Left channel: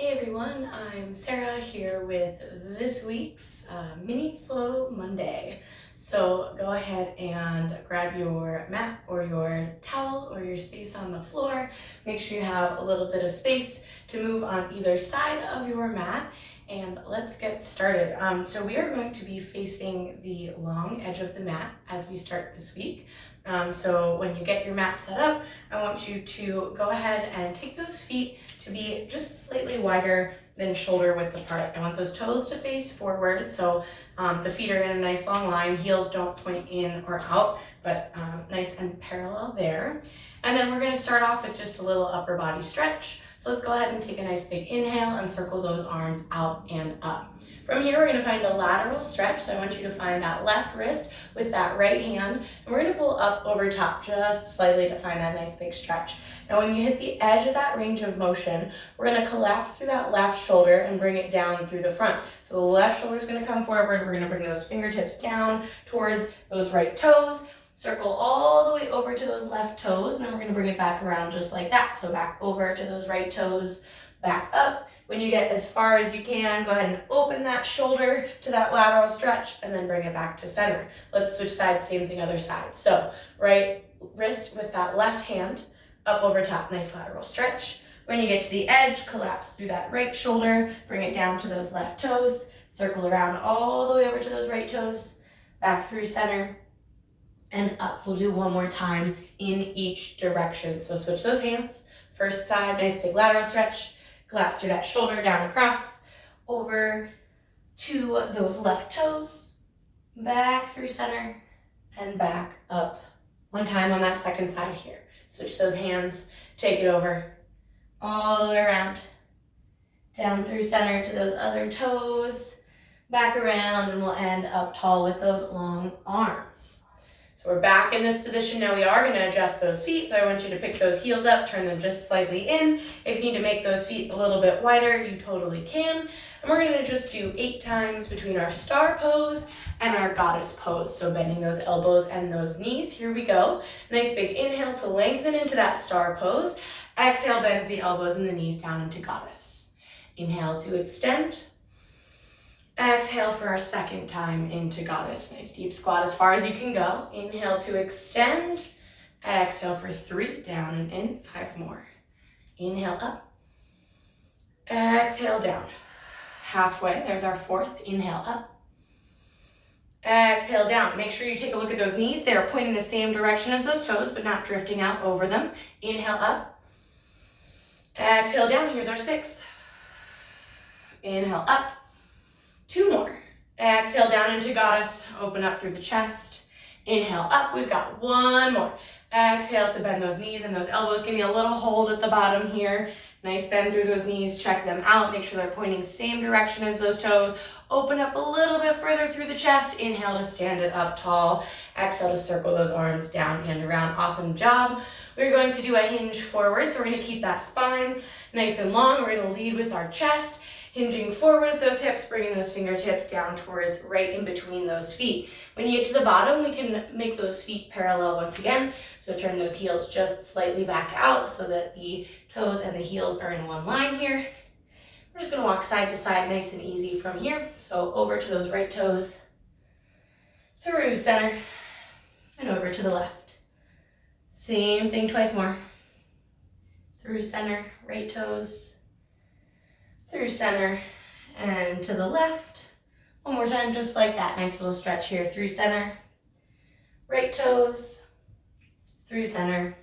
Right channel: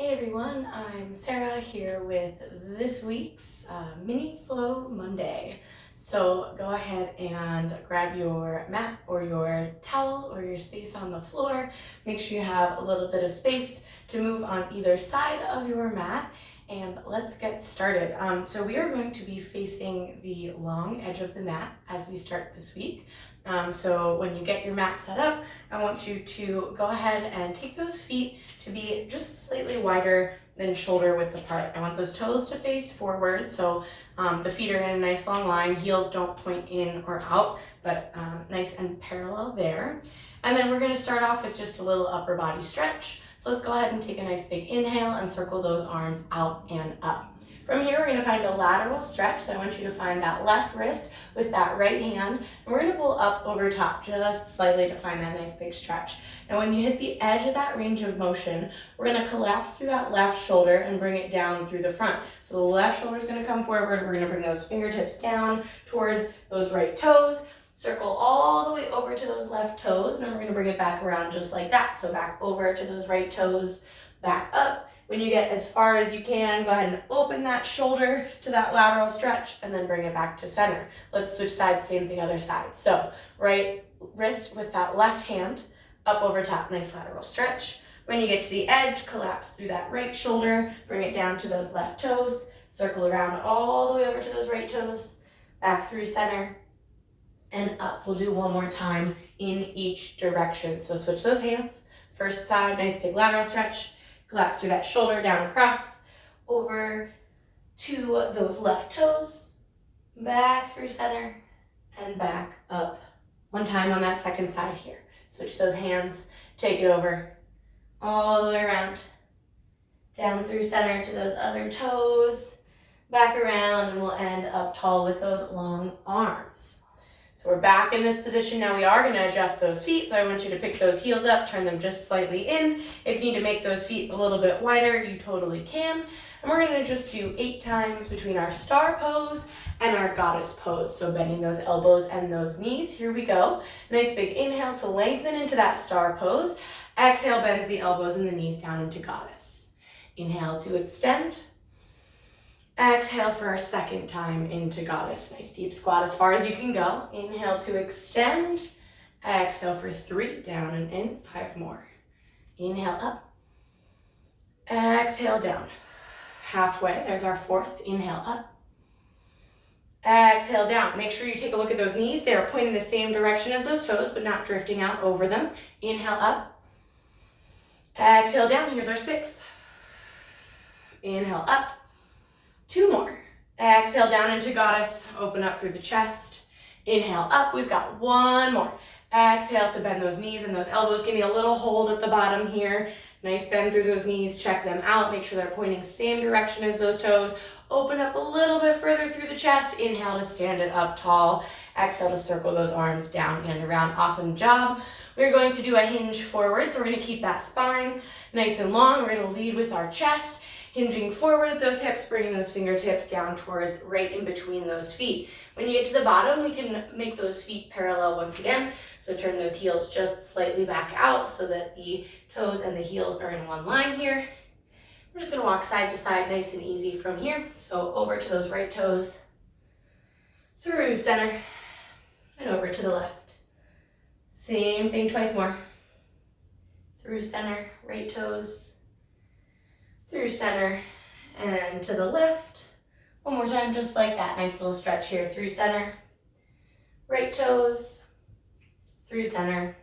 Hey everyone, I'm Sarah here with this week's Mini Flow Monday. So go ahead and grab your mat or your towel or your space on the floor. Make sure you have a little bit of space to move on either side of your mat, and let's get started. So we are going to be facing the long edge of the mat as we start this week. So when you get your mat set up, I want you to go ahead and take those feet to be just slightly wider than shoulder width apart. I want those toes to face forward, so the feet are in a nice long line. Heels don't point in or out, but nice and parallel there. And then we're going to start off with just a little upper body stretch. So let's go ahead and take a nice big inhale and circle those arms out and up. From here, we're going to find a lateral stretch. So I want you to find that left wrist with that right hand. And we're going to pull up over top just slightly to find that nice big stretch. Now, when you hit the edge of that range of motion, we're going to collapse through that left shoulder and bring it down through the front. So the left shoulder is going to come forward. We're going to bring those fingertips down towards those right toes. Circle all the way over to those left toes. And then we're going to bring it back around just like that. So back over to those right toes, back up. When you get as far as you can, go ahead and open that shoulder to that lateral stretch and then bring it back to center. Let's switch sides, same thing other side. So right wrist with that left hand, up over top, nice lateral stretch. When you get to the edge, collapse through that right shoulder, bring it down to those left toes, circle around all the way over to those right toes, back through center, and up. We'll do one more time in each direction. So switch those hands. First side, nice big lateral stretch. Collapse through that shoulder, down across, over to those left toes, back through center, and back up. One time on that second side here. Switch those hands, take it over, all the way around, down through center to those other toes, back around, and we'll end up tall with those long arms. So we're back in this position. Now we are going to adjust those feet. So I want you to pick those heels up, turn them just slightly in. If you need to make those feet a little bit wider, you totally can. And we're going to just do 8 times between our star pose and our goddess pose. So bending those elbows and those knees. Here we go. Nice big inhale to lengthen into that star pose. Exhale, bends the elbows and the knees down into goddess. Inhale to extend. Exhale for our second time into goddess. Nice deep squat as far as you can go. Inhale to extend. Exhale for 3, down and in, 5 more. Inhale up. Exhale down. Halfway, there's our 4th. Inhale up. Exhale down. Make sure you take a look at those knees. They are pointing the same direction as those toes, but not drifting out over them. Inhale up. Exhale down. Here's our 6th. Inhale up. 2 more. Exhale down into goddess. Open up through the chest. Inhale up. We've got 1 more. Exhale to bend those knees and those elbows. Give me a little hold at the bottom here. Nice bend through those knees. Check them out. Make sure they're pointing same direction as those toes. Open up a little bit further through the chest. Inhale to stand it up tall. Exhale to circle those arms down and around. Awesome job. We're going to do a hinge forward. So we're going to keep that spine nice and long. We're going to lead with our chest. Hinging forward with those hips, bringing those fingertips down towards right in between those feet. When you get to the bottom, we can make those feet parallel once again. So turn those heels just slightly back out so that the toes and the heels are in one line here. We're just going to walk side to side nice and easy from here. So over to those right toes, through center, and over to the left. Same thing twice more. Through center, right toes, through center, and to the left. One more time, just like that. Nice little stretch here. Through center, right toes, through center,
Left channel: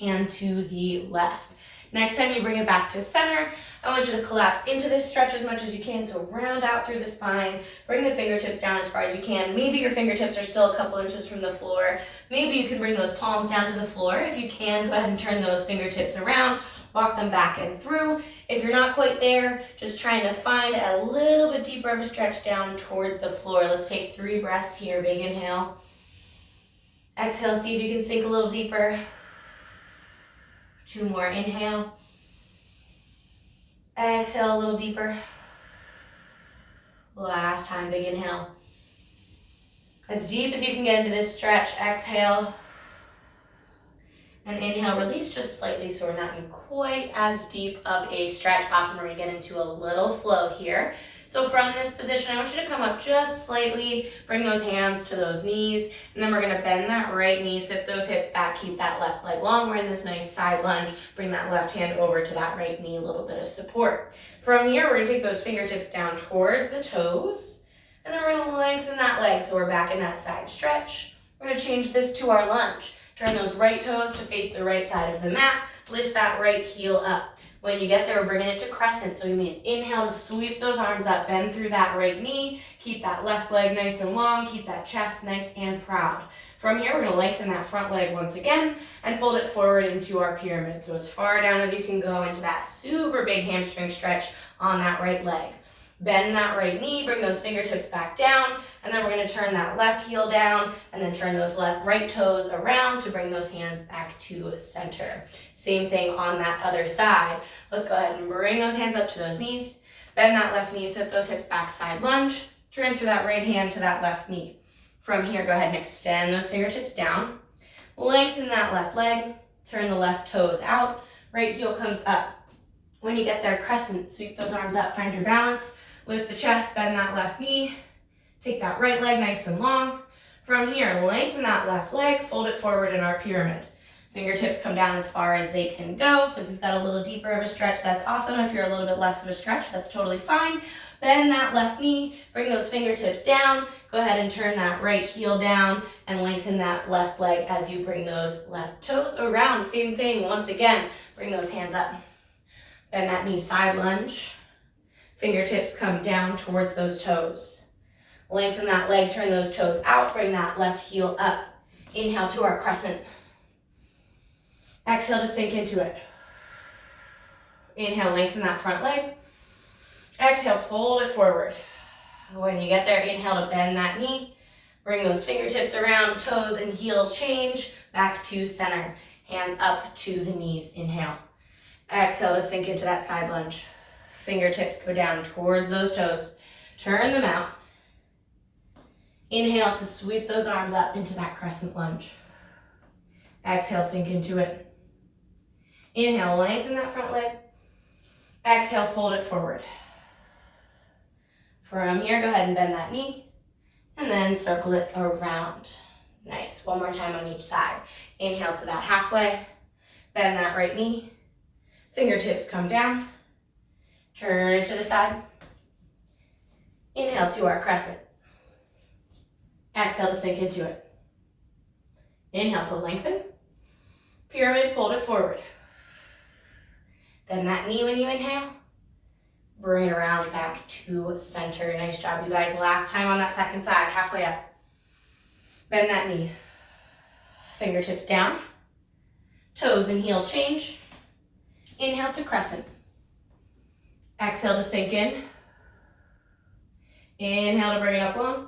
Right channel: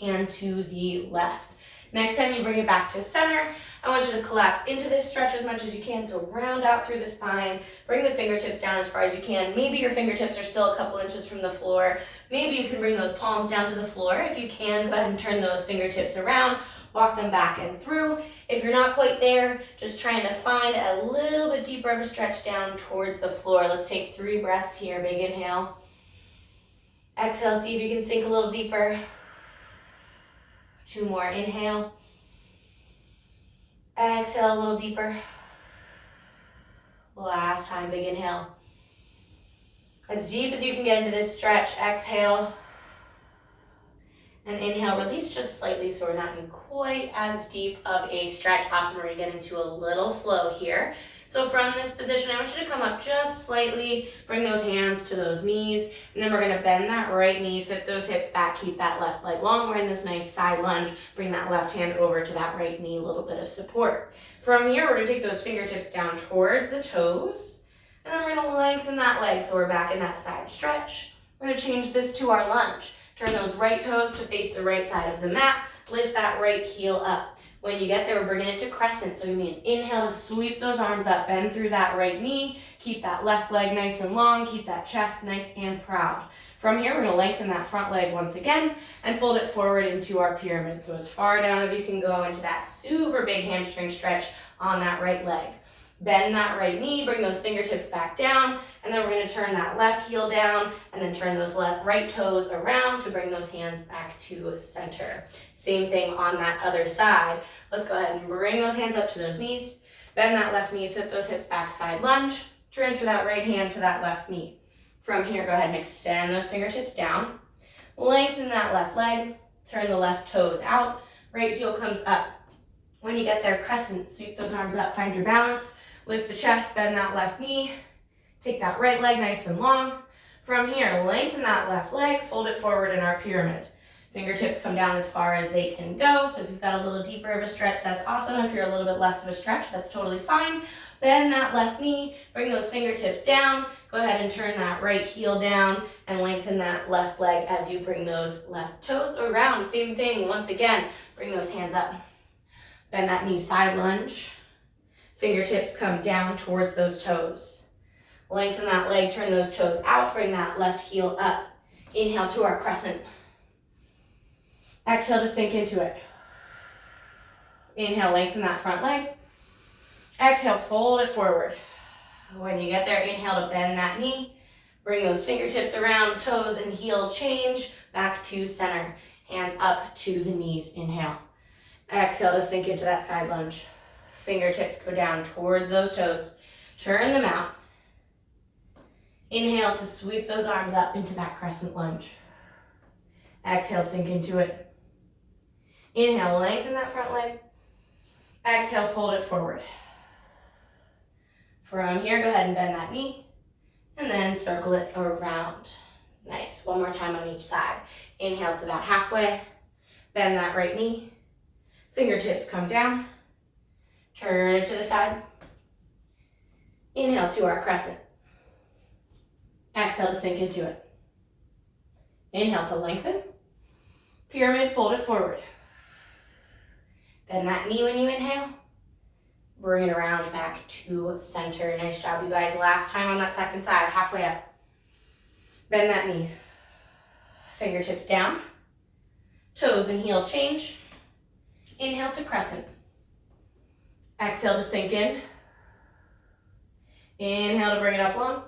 and to the left. Next time you bring it back to center, I want you to collapse into this stretch as much as you can. So round out through the spine, bring the fingertips down as far as you can. Maybe your fingertips are still a couple inches from the floor. Maybe you can bring those palms down to the floor. If you can, go ahead and turn those fingertips around. Walk them back and through. If you're not quite there, just trying to find a little bit deeper of a stretch down towards the floor. Let's take 3 breaths here. Big inhale. Exhale, see if you can sink a little deeper. 2 more. Inhale. Exhale a little deeper. Last time, big inhale. As deep as you can get into this stretch. Exhale. And inhale, release just slightly so we're not in quite as deep of a stretch. Awesome, we're gonna get into a little flow here. So from this position, I want you to come up just slightly, bring those hands to those knees, and then we're gonna bend that right knee, sit those hips back, keep that left leg long. We're in this nice side lunge. Bring that left hand over to that right knee, a little bit of support. From here, we're gonna take those fingertips down towards the toes, and then we're gonna lengthen that leg so we're back in that side stretch. We're gonna change this to our lunge. Turn those right toes to face the right side of the mat. Lift that right heel up. When you get there, we're bringing it to crescent. So give me an inhale to sweep those arms up, bend through that right knee. Keep that left leg nice and long. Keep that chest nice and proud. From here, we're gonna lengthen that front leg once again and fold it forward into our pyramid. So as far down as you can go into that super big hamstring stretch on that right leg. Bend that right knee, bring those fingertips back down, and then we're gonna turn that left heel down and then turn those right toes around to bring those hands back to center. Same thing on that other side. Let's go ahead and bring those hands up to those knees, bend that left knee, sit those hips back, side lunge, transfer that right hand to that left knee. From here, go ahead and extend those fingertips down, lengthen that left leg, turn the left toes out, right heel comes up. When you get there, crescent, sweep those arms up, find your balance. Lift the chest, bend that left knee. Take that right leg nice and long. From here, lengthen that left leg, fold it forward in our pyramid. Fingertips come down as far as they can go. So if you've got a little deeper of a stretch, that's awesome. If you're a little bit less of a stretch, that's totally fine. Bend that left knee, bring those fingertips down. Go ahead and turn that right heel down and lengthen that left leg as you bring those left toes around. Same thing, once again, bring those hands up. Bend that knee, side lunge. Fingertips come down towards those toes. Lengthen that leg, turn those toes out, bring that left heel up. Inhale to our crescent. Exhale to sink into it. Inhale, lengthen that front leg. Exhale, fold it forward. When you get there, inhale to bend that knee. Bring those fingertips around, toes and heel change, back to center. Hands up to the knees, inhale. Exhale to sink into that side lunge. Fingertips go down towards those toes. Turn them out. Inhale to sweep those arms up into that crescent lunge. Exhale, sink into it. Inhale, lengthen that front leg. Exhale, fold it forward. From here, go ahead and bend that knee and then circle it around. Nice. One more time on each side. Inhale to that halfway. Bend that right knee. Fingertips come down. Turn it to the side. Inhale to our crescent. Exhale to sink into it. Inhale to lengthen. Pyramid, fold it forward. Bend that knee when you inhale. Bring it around back to center. Nice job, you guys. Last time on that second side, halfway up. Bend that knee. Fingertips down. Toes and heel change. Inhale to crescent. Exhale to sink in. Inhale to bring it up long.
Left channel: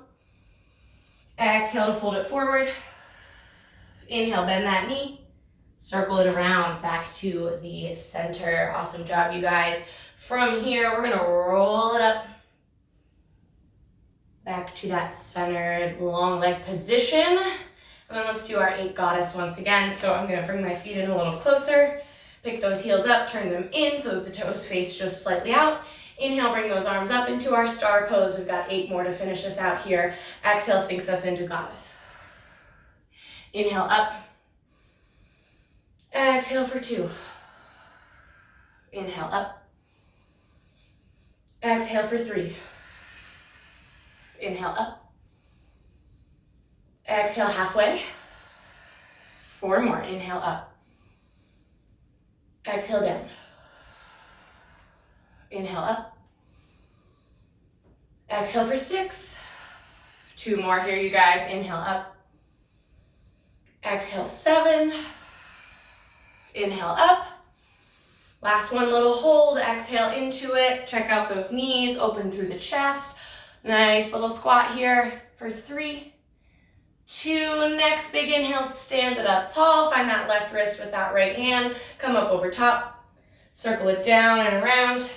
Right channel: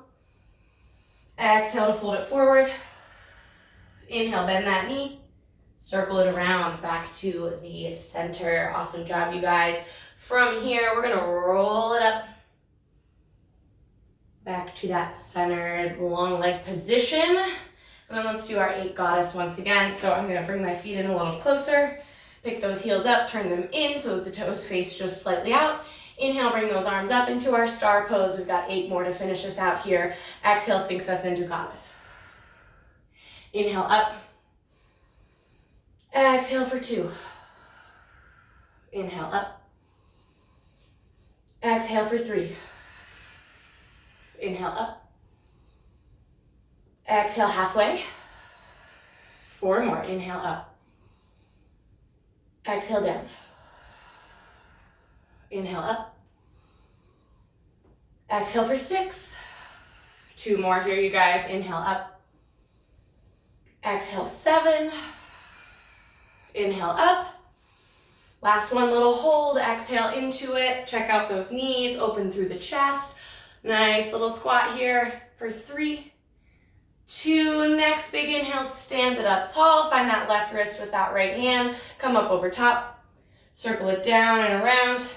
Exhale to fold it forward. Inhale, bend that knee. Circle it around back to the center. Awesome job, you guys. From here, we're gonna roll it up. Back to that centered long leg position. And then let's do our 8 goddess once again. So I'm gonna bring my feet in a little closer. Pick those heels up, turn them in so that the toes face just slightly out. Inhale, bring those arms up into our star pose. We've got 8 more to finish us out here. Exhale, sinks us into goddess. Inhale up. Exhale for 2. Inhale up. Exhale for 3. Inhale up. Exhale halfway. 4 more. Inhale up. Exhale down. Inhale up. Exhale for 6. 2 more here, you guys. Inhale up. Exhale 7. Inhale up. Last one, little hold. Exhale into it. Check out those knees. Open through the chest. Nice little squat here for 3, 2. Next big inhale, stand it up tall. Find that left wrist with that right hand. Come up over top. Circle it down and around.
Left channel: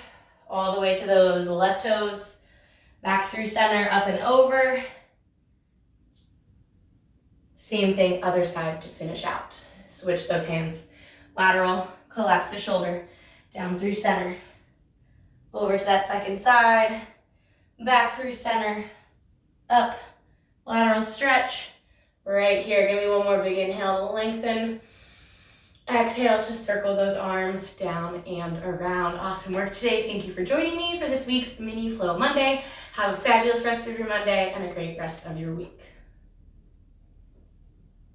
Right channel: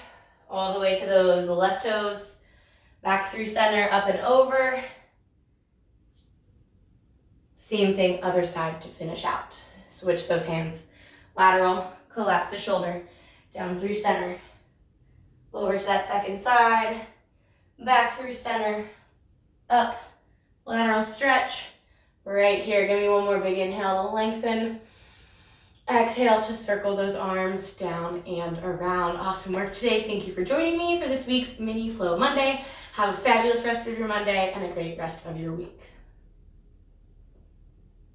All the way to those left toes. Back through center, up and over. Same thing, other side to finish out. Switch those hands. Lateral, collapse the shoulder, down through center. Over to that second side, back through center, up, lateral stretch. Right here, give me one more big inhale to lengthen. Exhale to circle those arms down and around. Awesome work today. Thank you for joining me for this week's Mini Flow Monday. Have a fabulous rest of your Monday and a great rest of your week.